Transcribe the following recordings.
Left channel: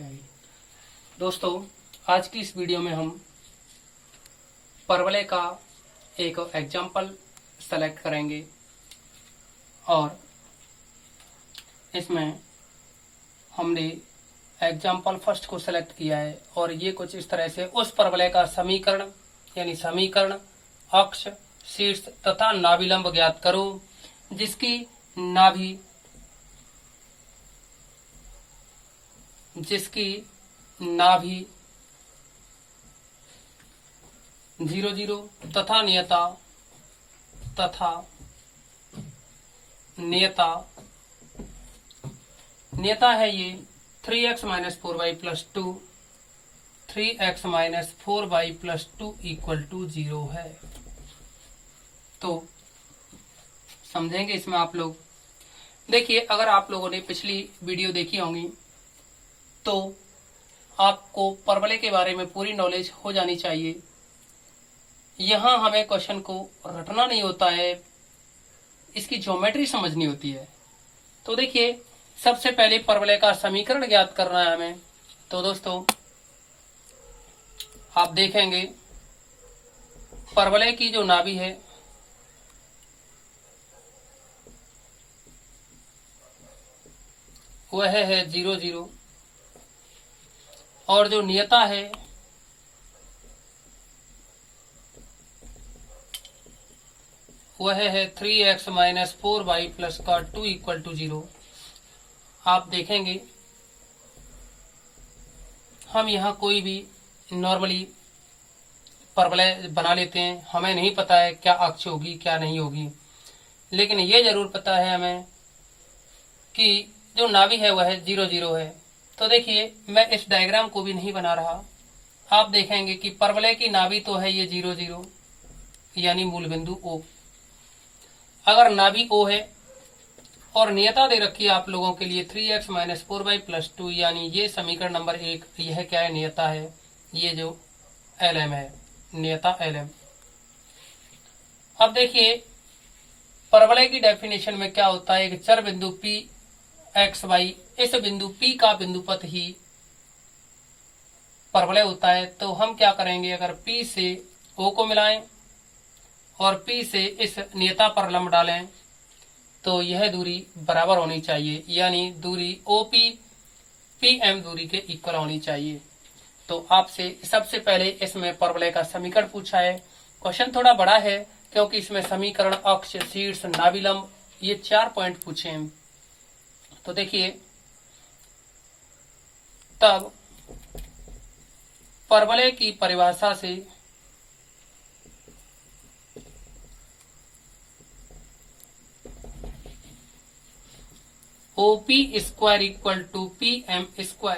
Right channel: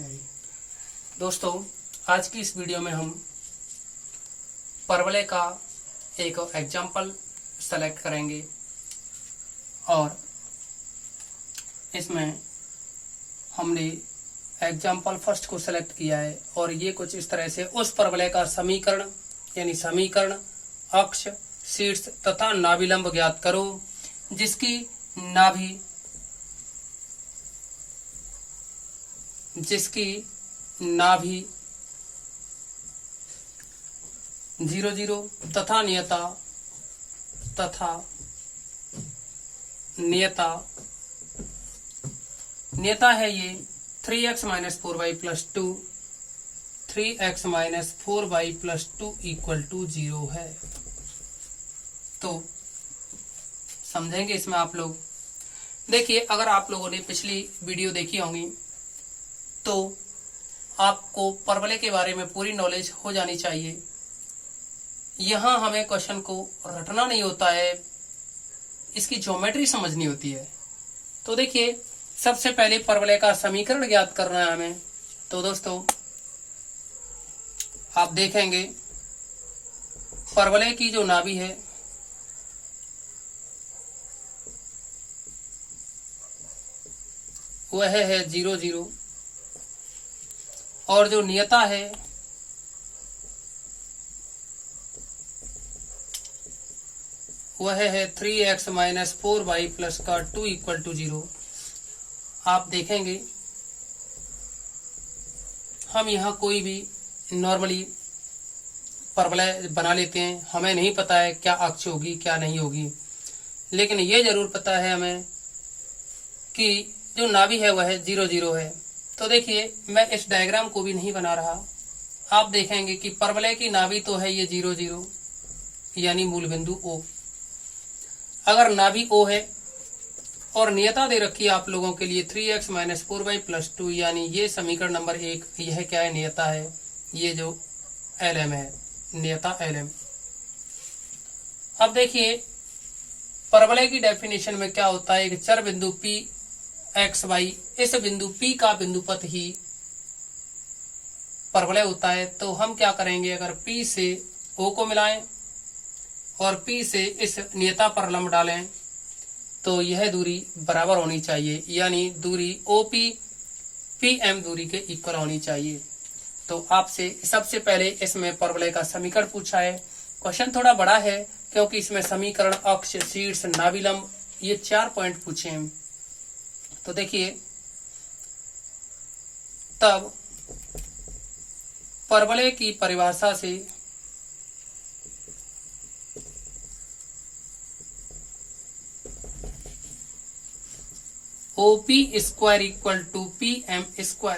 दोस्तों, आज की इस वीडियो में हम परवलय का एक एग्जाम्पल सेलेक्ट करेंगे और इसमें हमने एग्जाम्पल फर्स्ट को सेलेक्ट किया है और ये कुछ इस तरह से उस परवलय का समीकरण यानी समीकरण, अक्ष, शीर्ष तथा नाभिलंब ज्ञात करो जिसकी नाभि 0 0 तथा नियता है ये 3x - 4y + 2 3x - 4y + 2 = 0 है। तो समझेंगे इसमें आप लोग। देखिए, अगर आप लोगों ने पिछली वीडियो देखी होंगी तो आपको परवलय के बारे में पूरी नॉलेज हो जानी चाहिए। यहां हमें क्वेश्चन को रटना नहीं होता है, इसकी ज्योमेट्री समझनी होती है। तो देखिए, सबसे पहले परवलय का समीकरण ज्ञात करना है हमें। तो दोस्तों, आप देखेंगे परवलय की जो नाभि है वह है 0 0 और जो नियता है वह है 3x - 4y + 2 = 0। आप देखेंगे हम यहाँ कोई भी नॉर्मली परवलय बना लेते हैं। हमें नहीं पता है क्या अक्ष होगी क्या नहीं होगी, लेकिन ये जरूर पता है हमें कि जो नाभि है वह 0 0 है। तो देखिए, मैं इस डायग्राम को भी नहीं बना रहा। आप देखेंगे कि परवलय की नाभि तो है ये 0 0 यानी मूल बिंदु O। अगर नाभि O है और नियता दे रखी है आप लोगों के लिए 3x - 4y + 2 यानी ये समीकरण नंबर 1, यह क्या है? नियता है। ये जो LM है, नियता LM। अब देखिए, परवलय की डेफिनेशन में क्या होता है? एक चर बिंदु P x y, इस बिंदु P का बिंदुपथ ही परवलय होता है। तो हम क्या करेंगे, अगर P से O को मिलाएं और P से इस नियता पर लंब डालें तो यह दूरी बराबर होनी चाहिए, यानी दूरी OP PM दूरी के इक्वल होनी चाहिए। तो आपसे सबसे पहले इसमें परवलय का समीकरण पूछा है। क्वेश्चन थोड़ा बड़ा है क्योंकि इसमें समीकरण, अक्ष, शीर्ष, नाभिलंब ये 4 पॉइंट पूछे हैं। तो देखिए, तब परवलय की परिभाषा से OP² = PM²।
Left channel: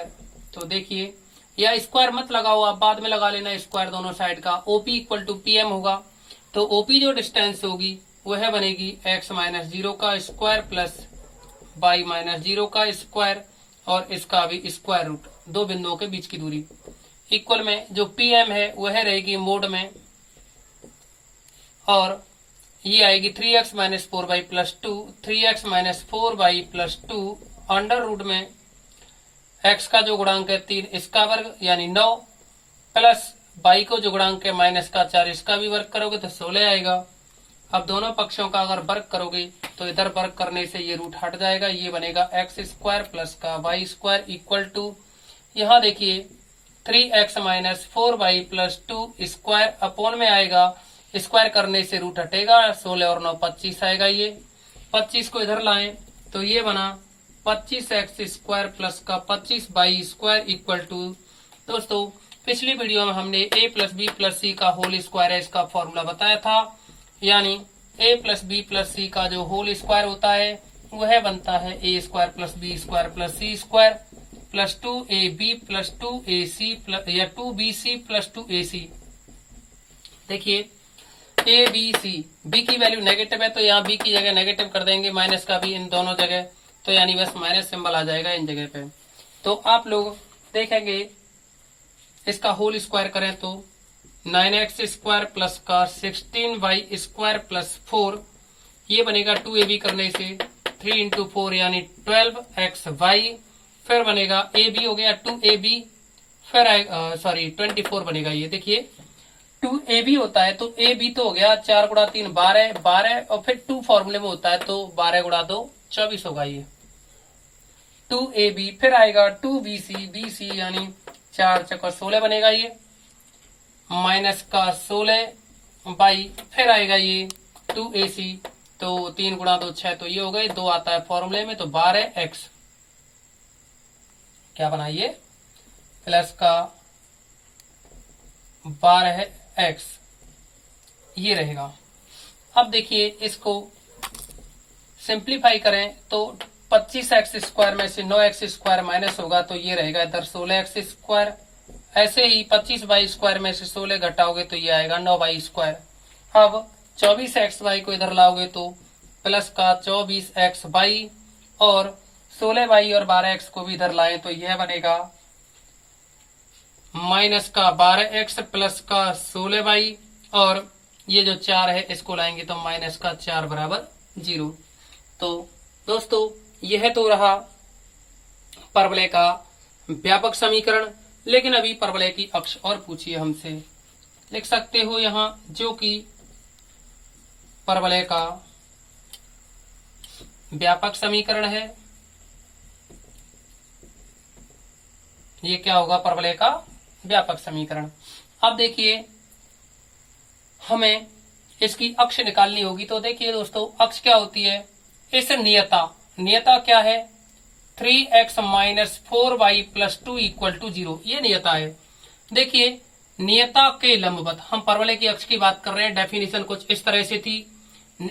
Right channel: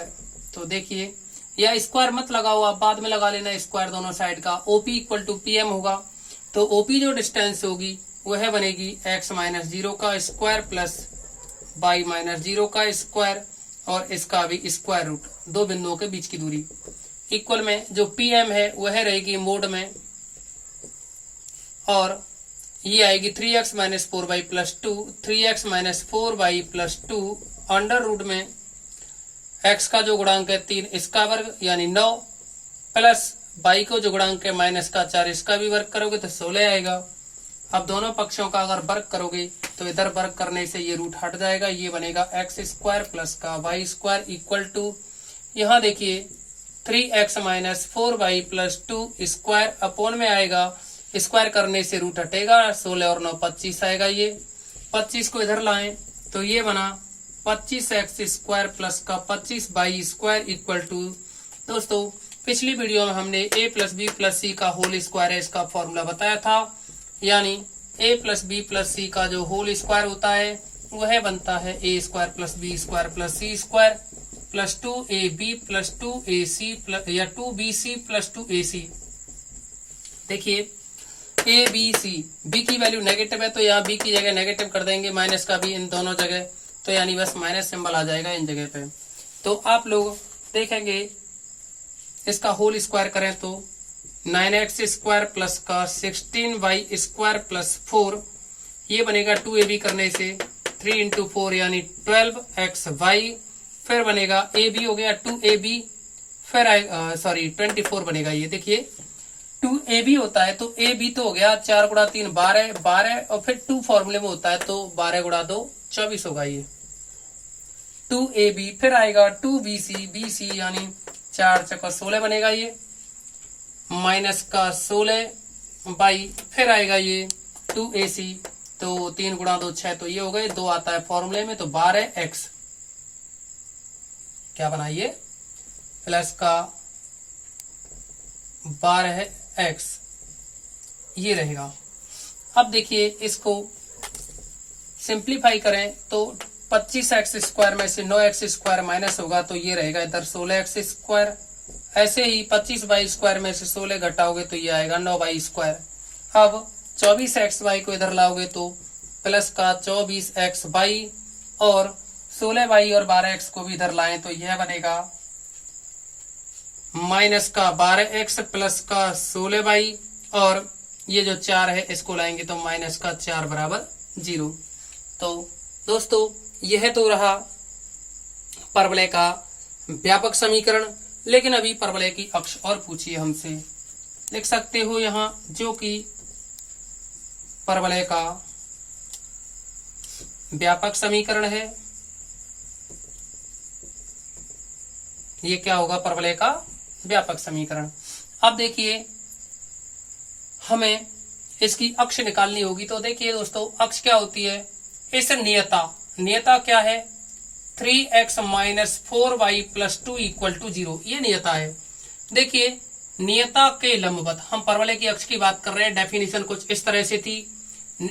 तो देखिए, यह स्क्वायर मत लगाओ, आप बाद में लगा लेना स्क्वायर दोनों साइड का। OP = PM होगा तो OP जो डिस्टेंस होगी वह बनेगी x - 0 का स्क्वायर प्लस y - 0 का स्क्वायर और इसका भी स्क्वायर रूट, दो बिंदुओं के बीच की दूरी। इक्वल में जो PM है वह रहेगी मोड में और ये आएगी 3x - 4y + 2 3x - 4y + 2 under root में x का जो गुणांक है 3 इसका वर्ग यानी 9 प्लस y को जो गुणांक है -4 इसका भी वर्ग करोगे तो 16 आएगा। अब दोनों पक्षों का अगर वर्ग करोगे तो इधर वर्ग करने से ये रूट हट जाएगा, ये बनेगा x² प्लस का y² = यहाँ देखिए 3x - 4y + 2 स्क्वायर अपॉन में आएगा, स्क्वायर करने से रूट हटेगा, 16 और 9 25 आएगा। ये 25 को इधर लाएं तो ये बना 25x² प्लस का 25y² = दोस्तों, पिछली वीडियो में हमने a + b + c का होल स्क्वायर है इसका फॉर्मूला बताया था, यानी a + b + c का जो होल स्क्वायर होता है वह बनता है a² + b² + c² + 2ab + 2ac या 2bc + 2ac। देखिए, a b c, b की वैल्यू नेगेटिव है तो यहाँ b की जगह नेगेटिव कर देंगे, माइनस का भी इन दोनों जगह, तो यानी बस माइनस सिंबल आ जाएगा इन जगह पे। तो आप लोग देखेंगे इसका होल स्क्वायर करें तो 9x² प्लस का 16y² प्लस 4, ये बनेगा 2ab करने से 3 × 4 यानी 12xy फिर बनेगा ए बी हो गया 2ab, फिर आएगा 24 बनेगा। ये देखिए 2ab होता है तो ए बी तो हो गया 4 गुणा 3 12 और फिर 2 फॉर्मूले में होता है तो 12 गुणा 2 24 होगा। ये 2ab, फिर आएगा 2bc यानी 4 चक्कर 16 बनेगा। ये माइनस का 16 बाई, फिर आएगा ये 2ac तो 3 गुणा 2 6 तो ये हो गए, 2 आता है फॉर्मूले में तो 12x क्या बना ये प्लस का 12x ये रहेगा। अब देखिए इसको सिंप्लीफाई करें तो 25x स्क्वायर में से 9x स्क्वायर माइनस होगा तो ये रहेगा इधर 16x स्क्वायर। ऐसे ही 25 बाई स्क्वायर में से 16 घटाओगे तो ये आएगा 9 बाई स्क्वायर। अब 24x बाई को इधर लाओगे तो प्लस का 24x बाई और 16 बाई और 12x को भी इधर लाएं तो यह बनेगा माइनस का 12x प्लस का 16 बाई और ये जो 4 है इसको लाएंगे तो माइनस का 4 बराबर 0। तो दोस्तों यह तो रहा परवलय का व्यापक समीकरण। लेकिन अभी परवलय की अक्ष और पूछिए हमसे, लिख सकते हो यहां जो कि परवलय का व्यापक समीकरण है। ये क्या होगा परवलय का व्यापक समीकरण। अब देखिए हमें इसकी अक्ष निकालनी होगी तो देखिए दोस्तों अक्ष क्या होती है, इस नियता क्या है 3x minus 4y plus 2 equal to 0, ये नियता है। देखिए नियता के लंबवत, हम परवलय की अक्ष की बात कर रहे हैं, डेफिनेशन कुछ इस तरह से थी,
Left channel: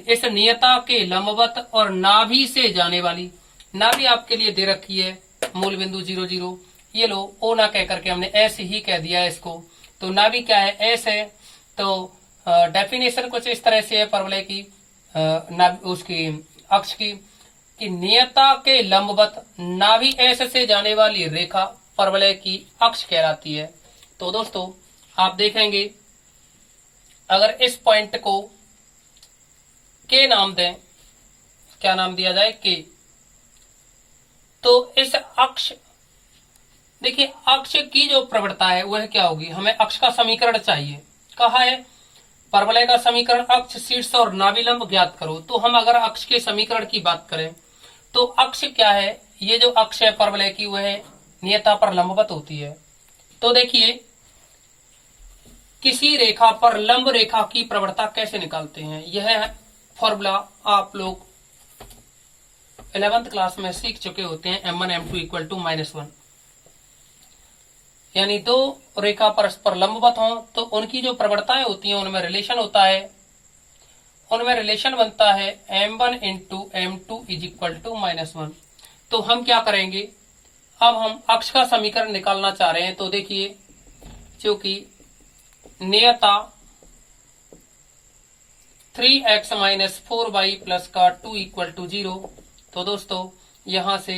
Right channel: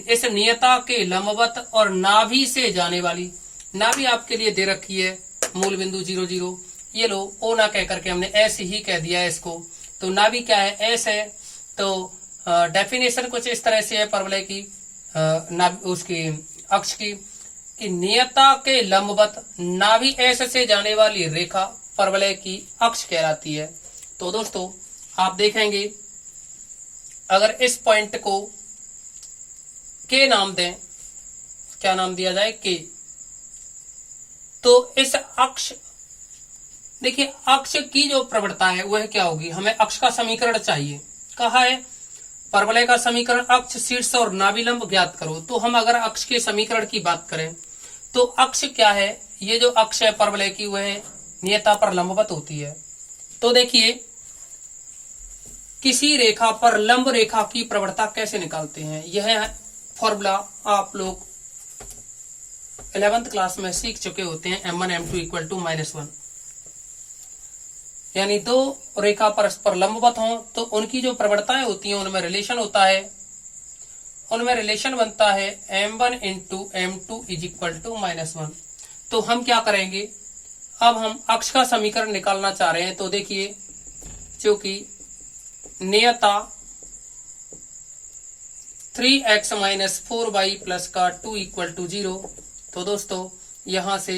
इस नियता के लंबवत और नाभि से जाने वाली, नाभि आपके लिए दे रखी है मूल बिंदु 0 0, ये लो ओ ना कह करके हमने ऐसे ही कह दिया है इसको, तो नाभि क्या है एस है। तो डेफिनेशन कुछ इस तरह से है परवलय की उसकी अक्ष की कि नियता के लंबवत नाभि एस से जाने वाली रेखा परवलय की अक्ष कहलाती है। तो दोस्तों आप देखेंगे अगर इस पॉइंट को के नाम दें, क्या नाम दिया जाए के, तो इस अक्ष देखिए अक्ष की जो प्रवणता है वह क्या होगी, हमें अक्ष का समीकरण चाहिए। कहा है परवलय का समीकरण अक्ष शीर्ष और नाभिलंब ज्ञात करो। तो हम अगर अक्ष के समीकरण की बात करें तो अक्ष क्या है, ये जो अक्ष है परवलय की वह नियता पर लंबवत होती है। तो देखिए किसी रेखा पर लंब रेखा की प्रवणता कैसे निकालते हैं, यह फॉर्मूला आप लोग 11th क्लास में सीख चुके होते हैं। m1 m2 इक्वल टू -1, यानी दो रेखा परस्पर लंबवत हों तो उनकी जो प्रवणताएं होती हैं उनमें रिलेशन होता है, उनमें रिलेशन बनता है m1 into m2 is equal to -1। तो हम क्या करेंगे, अब हम अक्ष का समीकरण निकालना चाह रहे हैं। तो देखिए क्योंकि नियता 3x माइनस 4y प्लस का 2 इक्वल टू 0, तो दोस्तों यहां से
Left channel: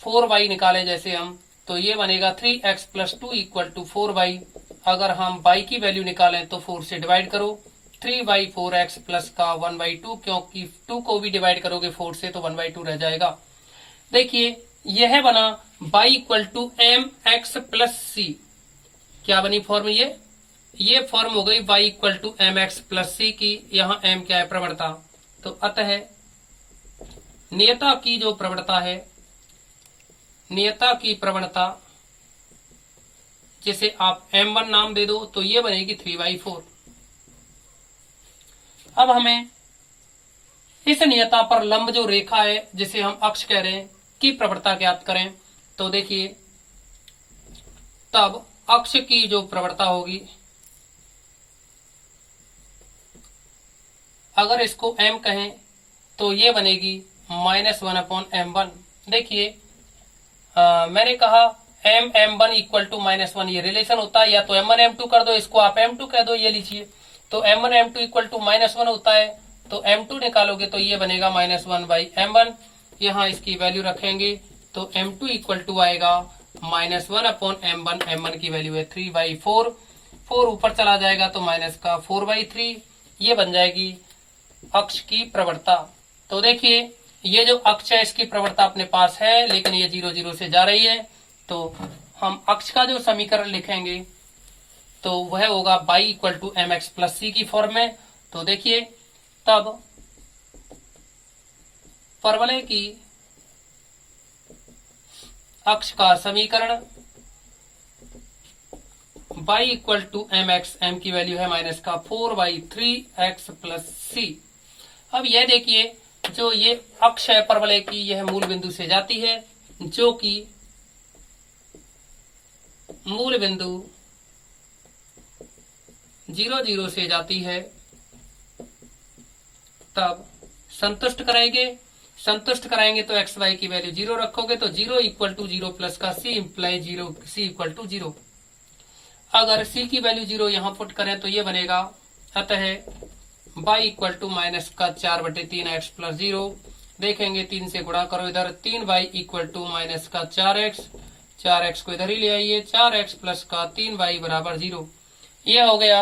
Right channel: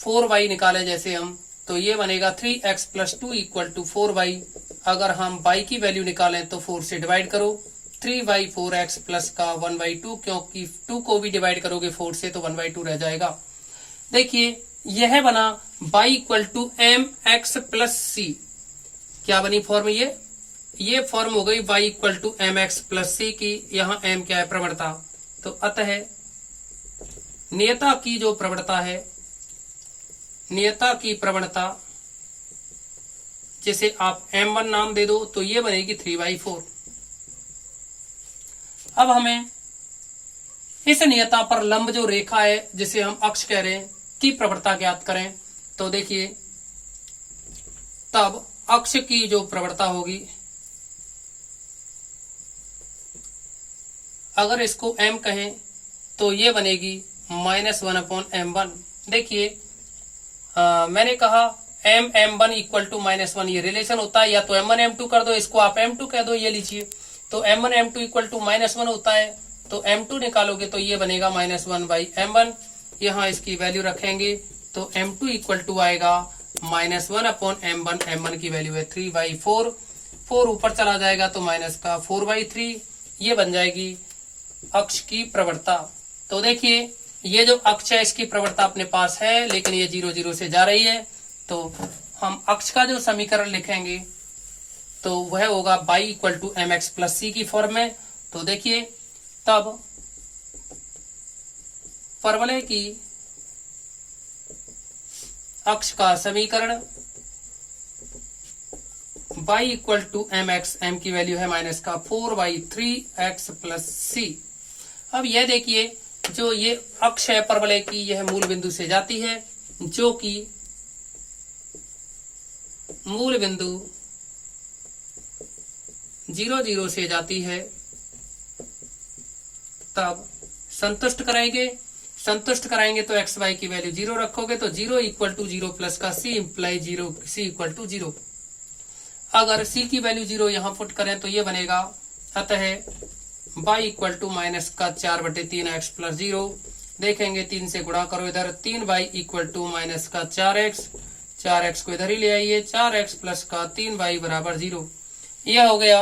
4y निकाले जैसे हम तो ये बनेगा 3x plus 2 equal to 4y। अगर हम y की वैल्यू निकालें तो 4 से डिवाइड करो, 3y 4x प्लस का 1/2, क्योंकि 2 को भी डिवाइड करोगे 4 से तो 1/2 रह जाएगा। देखिए यह बना y equal to mx plus c, क्या बनी फॉर्म, ये फॉर्म हो गई y equal to mx plus c की। यहाँ m क्या है प्रवणता, तो अतः नियता की जो प्रवणता है, नियता की प्रवणता जिसे आप m1 नाम दे दो तो ये बनेगी 3/4। अब हमें इस नियता पर लंब जो रेखा है जिसे हम अक्ष कह रहे हैं की प्रवणता ज्ञात करें। तो देखिए तब अक्ष की जो प्रवणता होगी, अगर इसको m कहें तो ये बनेगी -1/m1। देखिए मैंने कहा m1 इक्वल टू -1, ये रिलेशन होता है, या तो m1 m2 कर दो, इसको आप m2 कह दो, ये लीजिए। तो m1 m2 इक्वल टू -1 होता है, तो m2 निकालोगे तो ये बनेगा -1/m1। यहाँ इसकी वैल्यू रखेंगे तो m2 इक्वल टू आएगा -1/m1, m1 की वैल्यू है 3/4, 4 ऊपर चला जाएगा तो माइनस का 4/3, ये बन जाएगी अक्ष की प्रवणता। तो देखिए ये जो अक्ष है इसकी प्रवणता अपने पास है, लेकिन ये 0 0 से जा रही है, तो हम अक्ष का जो समीकरण लिखेंगे तो वह होगा y equal to M x plus c की फॉर्म में। तो देखिए तब परवलय की अक्ष का समीकरण y equal to M X, M की वैल्यू है माइनस का 4/3x प्लस सी। अब यह देखिए जो ये अक्ष है परवलय की, यह मूल बिंदु से जाती है, जो कि मूल बिंदु 0 0 से जाती है। तब संतुष्ट कराएंगे तो एक्स वाई की वैल्यू 0 रखोगे तो 0 इक्वल टू 0 प्लस का c imply 0, c equal to 0। अगर c की वैल्यू 0 यहां पुट करें तो ये बनेगा, अतः y इक्वल टू माइनस का 4/3x प्लस 0। देखेंगे 3 से गुणा करो इधर, 3y इक्वल टू माइनस का 4x को इधर ही ले आइए, 4x प्लस का 3y बराबर 0। यह हो गया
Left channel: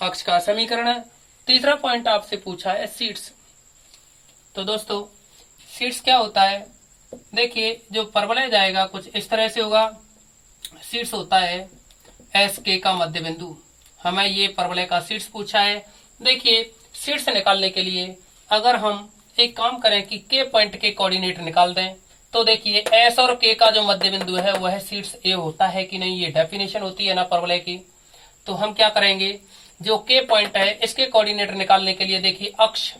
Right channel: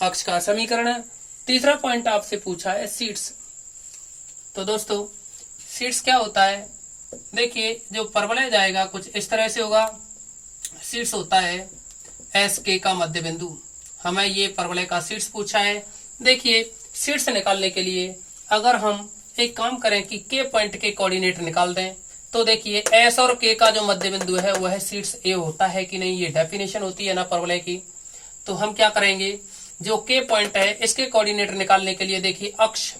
अक्ष का समीकरण। तीसरा पॉइंट आपसे पूछा है सीड्स। तो दोस्तों सीड्स क्या होता है, देखिए जो परवलय जाएगा कुछ इस तरह से होगा। सीड्स होता है एस के का मध्य बिंदु। हमें ये परवलय का सीड्स पूछा है। देखिए सीड्स निकालने के लिए अगर हम एक काम करें कि के पॉइंट के कोऑर्डिनेट निकाल दें, तो देखिए एस और के का जो मध्य बिंदु है वह सीड्स ए होता है कि नहीं, ये डेफिनेशन होती है ना परवलय की। तो हम क्या करेंगे, जो के पॉइंट है इसके कोऑर्डिनेट निकालने के लिए देखिए अक्ष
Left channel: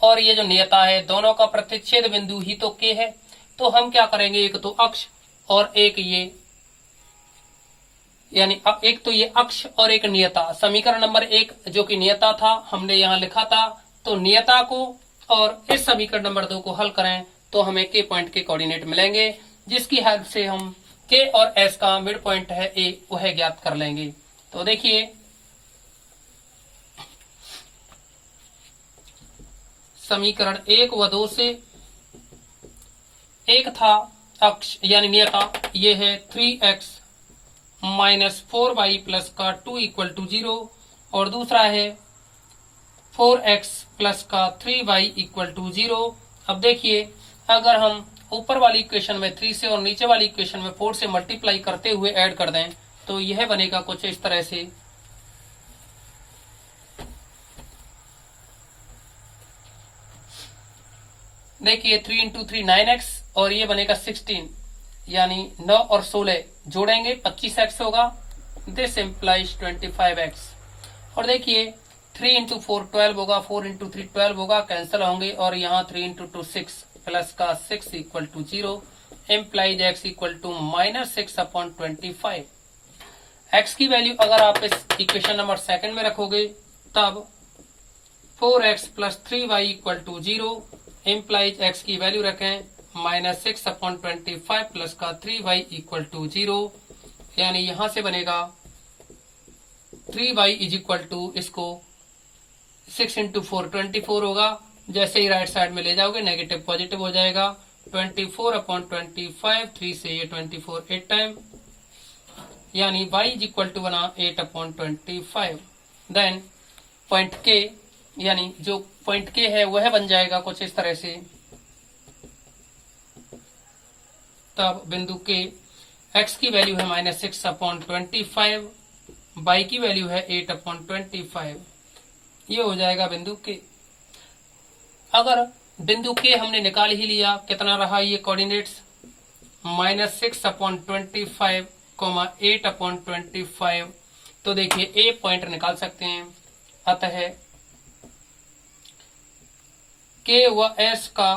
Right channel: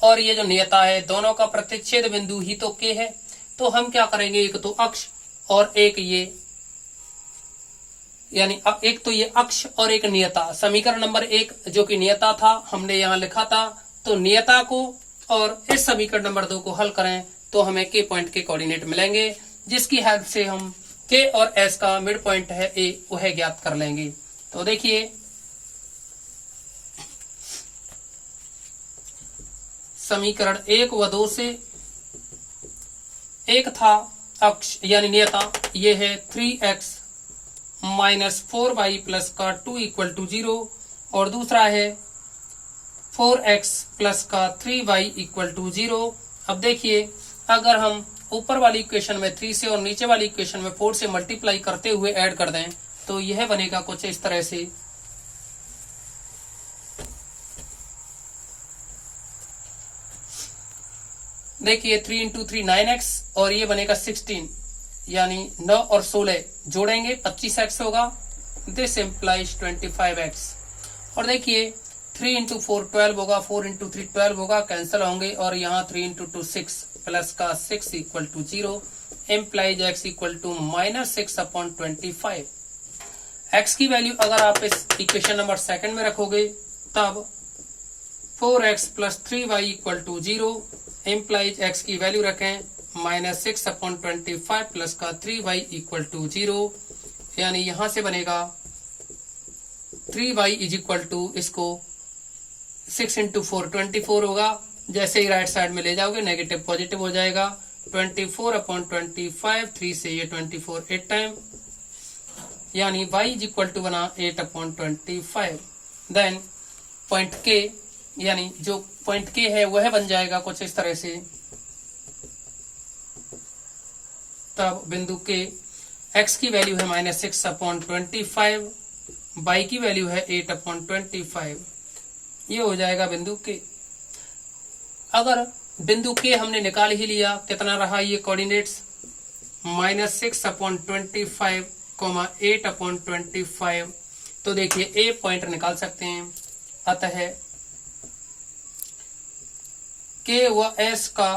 और ये जो नियता है दोनों का प्रतिच्छेद बिंदु ही तो के है। तो हम क्या करेंगे, एक तो अक्ष और एक ये, यानी एक तो ये अक्ष और एक नियता। समीकरण नंबर 1 जो कि नियता था हमने यहां लिखा था, तो नियता को और इस समीकरण नंबर 2 को हल करें तो हमें के पॉइंट के कोऑर्डिनेट मिलेंगे, जिसकी हेल्प से हम के और एस का मिड पॉइंट है ए वह ज्ञात कर लेंगे। तो देखिए समीकरण 1 व 2 से, एक था अक्ष यानी नियता, ये है 3x माइनस 4y प्लस का 2 इक्वल टू 0, और दूसरा है 4x प्लस का 3y इक्वल टू 0। अब देखिए अगर हम ऊपर वाली इक्वेशन में 3 से और नीचे वाली इक्वेशन में 4 से मल्टीप्लाई करते हुए ऐड कर दें तो यह बनेगा कुछ इस तरह से। देखिए 3 इंटू 3 9x और ये बनेगा 16, यानी 9 और 16 जोड़ेंगे 25x होगा। This implies 25x। और देखिए 3 इंटू 4 12 होगा, 4 इंटू 3 12 होगा, कैंसिल होंगे, और यहाँ 3 इंटू 2 6 प्लस का 6 equal to 0 implies x equal to minus 6/25। x की वैल्यू अगर आप इस इक्वेशन नंबर 2 में रखोगे तब 4x plus 3y equal to 0 implies x की वैल्यू रखें माइनस 6/25 प्लस का 3y इक्वल टू 0, यानी यहां से बनेगा 3y इज इक्वल टू, इसको 6 इंटू 4 24 होगा। जैसे ही राइट साइड में ले जाओगे नेगेटिव पॉजिटिव हो जाएगा। 24/25, 3 से ये 24 8 टाइम, यानी y इज इक्वल टू बना 8/25। देन पॉइंट के, यानी जो पॉइंट के है वह बन जाएगा कुछ इस तरह से। तब बिंदु के x की वैल्यू है माइनस 6/25, y की वैल्यू है 8/25। ये हो जाएगा बिंदु के। अगर बिंदु के हमने निकाल ही लिया, कितना रहा ये कोऑर्डिनेट्स, माइनस 6/25, 8/25, तो देखिए ए पॉइंट निकाल सकते हैं। अतः के व एस का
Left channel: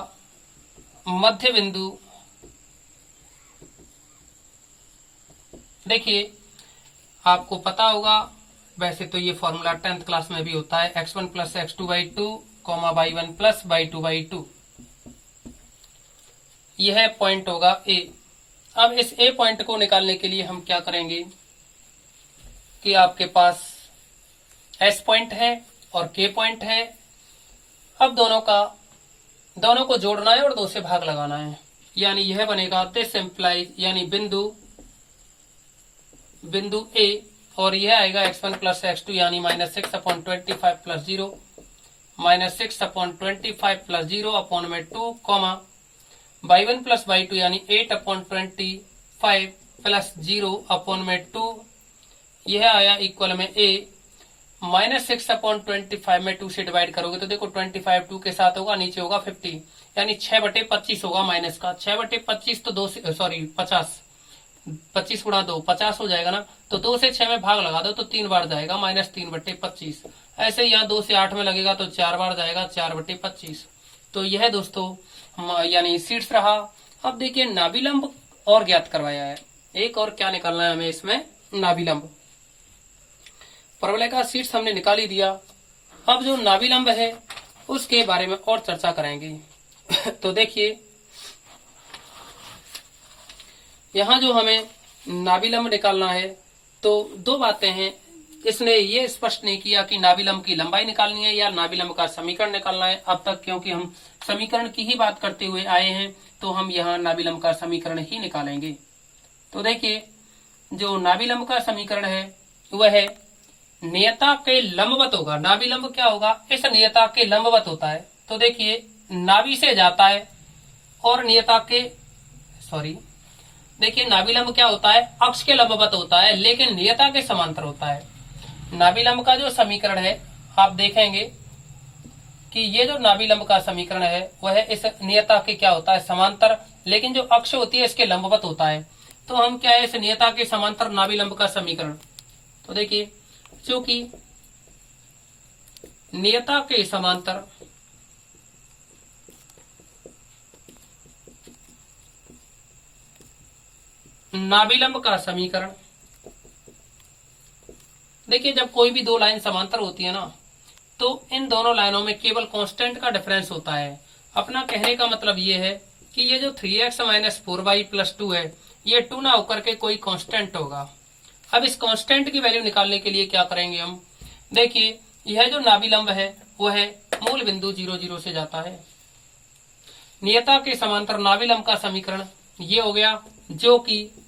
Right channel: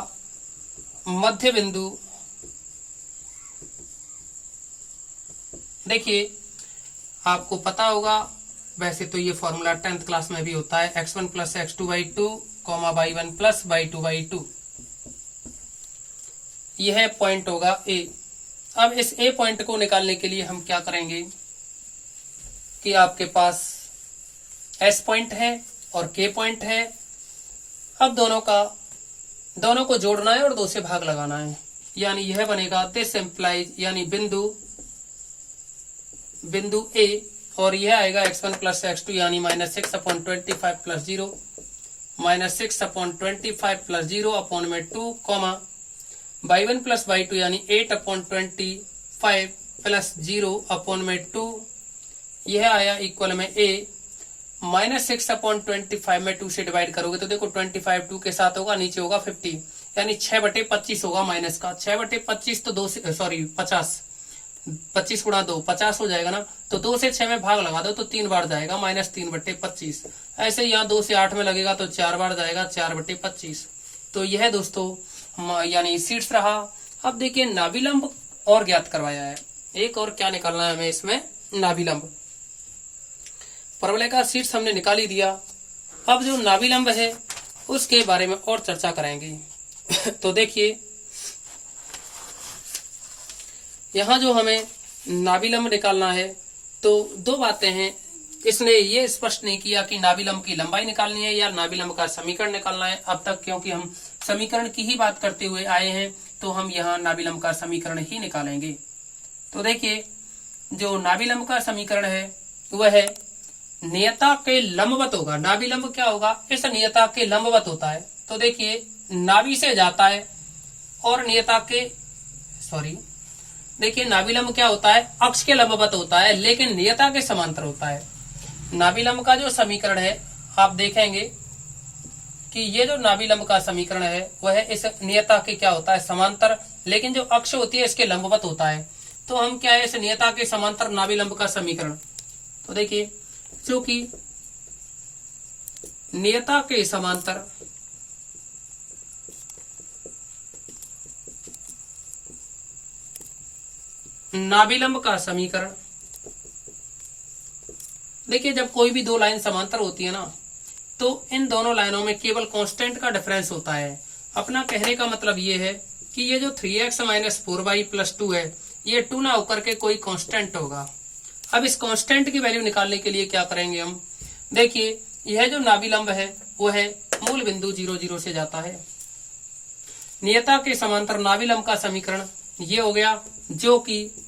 मध्य बिंदु, देखिए आपको पता होगा, वैसे तो ये फॉर्मूला 10th क्लास में भी होता है, x1 plus x2/2, y1 plus y2/2। यह पॉइंट होगा ए। अब इस ए पॉइंट को निकालने के लिए हम क्या करेंगे कि आपके पास एस पॉइंट है और के पॉइंट है। अब दोनों को जोड़ना है और 2 से भाग लगाना है, यानी यह बनेगा दिस इम्प्लाइज, यानी बिंदु ए, और यह आएगा x1 प्लस x2 यानी minus 6/25 plus 0, -6/25 plus 0/2 comma y1 plus y2 यानी 8/25 प्लस 0/2 यह आया इक्वल में a -6/25 में 2 से डिवाइड करोगे तो देखो 25 2 के साथ होगा, नीचे होगा 50 यानी 6/25 होगा माइनस का। 6/25 तो 2 से सॉरी 50, 25 गुणा 2 50 हो जाएगा ना, तो 2 से 6 में भाग लगा दो तो 3 बार जाएगा -3/25। ऐसे यहाँ 2 से 8 में लगेगा तो 4 बार जाएगा 4/25। तो यह दोस्तों यानी सीट्स रहा। अब देखिए नाभिलंब और ज्ञात करवाया है, एक और क्या निकालना है हमें इसमें, नाभिलंब। परवलय का सीट्स हमने निकाल ही दिया। अब जो नाभिलंब है उसके बारे में और चर्चा करेंगे। तो देखिए यहाँ जो हमें नाभिलंब निकालना है तो दो बातें हैं। इसने ये स्पष्ट नहीं किया कि नाभिलंब की लंबाई निकालनी है या नाभिलंब का समीकरण निकालना है अब तक, क्योंकि हम समीकरण की ही बात करते हुए आए हैं तो हम यहाँ नाभिलंब का समीकरण ही निकालेंगे। तो देखिए जो नाभिलंब का समीकरण है वह है नियता के लंबवत होगा। नाभिलंब क्या होगा, इस नियता के लंबवत होता है। तो देखिए नाभि से जाता है और नियता के देखिए नाभिलंब क्या होता है, अक्ष के लंबवत होता है लेकिन नियता के समांतर होता है। नाभिलंब का जो समीकरण है आप देखेंगे कि ये जो नाभिलंब का समीकरण है वह इस नियता के क्या होता है, समांतर, लेकिन जो अक्ष होती है इसके लंबवत होता है। तो हम क्या है, इस नियता के समांतर नाभिलंब का समीकरण। तो देखिए चूंकि नियता के समांतर नाभिलंब का समीकरण, देखिए जब कोई भी दो लाइन समांतर होती है ना तो इन दोनों लाइनों में केवल कांस्टेंट का डिफरेंस होता है। अपना कहने का मतलब ये है कि ये जो 3x - 4y + 2 है ये 2 ना होकर के कोई कांस्टेंट होगा। अब इस कांस्टेंट की वैल्यू निकालने के लिए क्या करेंगे हम, देखिए यह जो नाभिलंब है वो है मूल बिंदु 0 0 से जाता है। नियता के समांतर नाभिलंब का समीकरण ये हो गया, जो कि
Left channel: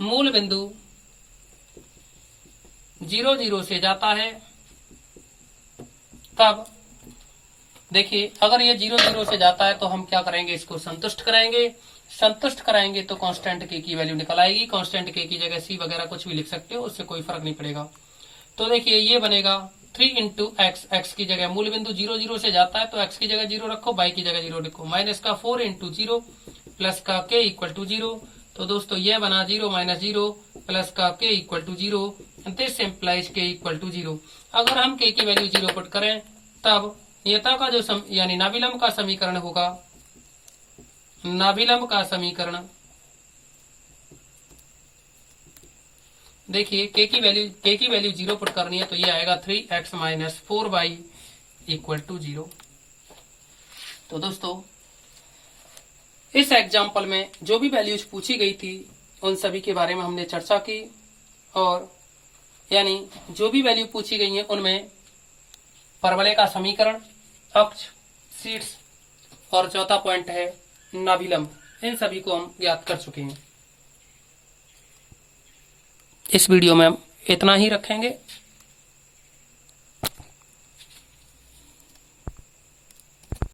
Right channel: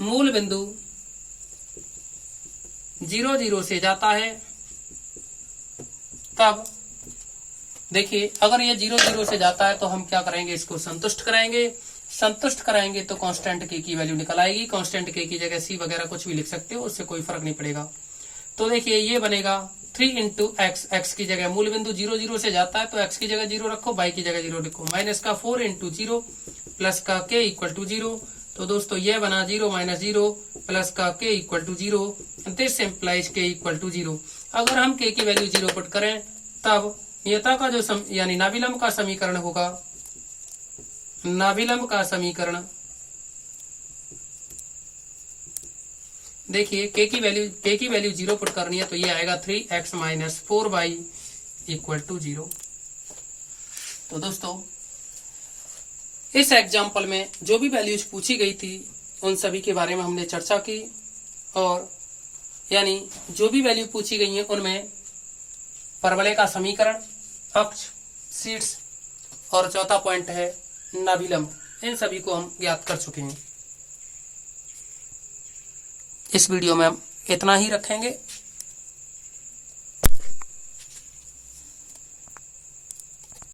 मूल बिंदु 0 0 से जाता है। तब देखिए अगर ये 0 0 से जाता है तो हम क्या करेंगे, इसको संतुष्ट कराएंगे। संतुष्ट कराएंगे तो कांस्टेंट के की वैल्यू निकल आएगी। कांस्टेंट के की जगह सी वगैरह कुछ भी लिख सकते हो, उससे कोई फर्क नहीं पड़ेगा। तो देखिए ये बनेगा 3 × x, x की जगह मूल बिंदु 0 0 से जाता है तो x की जगह 0 रखो, y की जगह 0 लिखो, माइनस का 4 × 0 प्लस का k = 0। तो दोस्तों ये बना 0 - 0 प्लस का k = 0। This implies k = 0। अगर हम k की वैल्यू 0 पुट करें तब नियता का जो यानी नाभिलंब का समीकरण होगा, नाभिलंब का समीकरण देखिए k की वैल्यू 0 पुट करनी है तो ये आएगा 3x - 4y = 0। तो दोस्तों इस एग्जाम्पल में जो भी वैल्यूज पूछी गई थी उन सभी के बारे में हमने चर्चा की, और यानी जो भी वैल्यू पूछी गई है उनमें परवलय का समीकरण, अक्ष, सीट्स और चौथा पॉइंट है नाभिलंब, इन सभी को हम ज्ञात कर चुके हैं। इस वीडियो में हम इतना ही रखेंगे।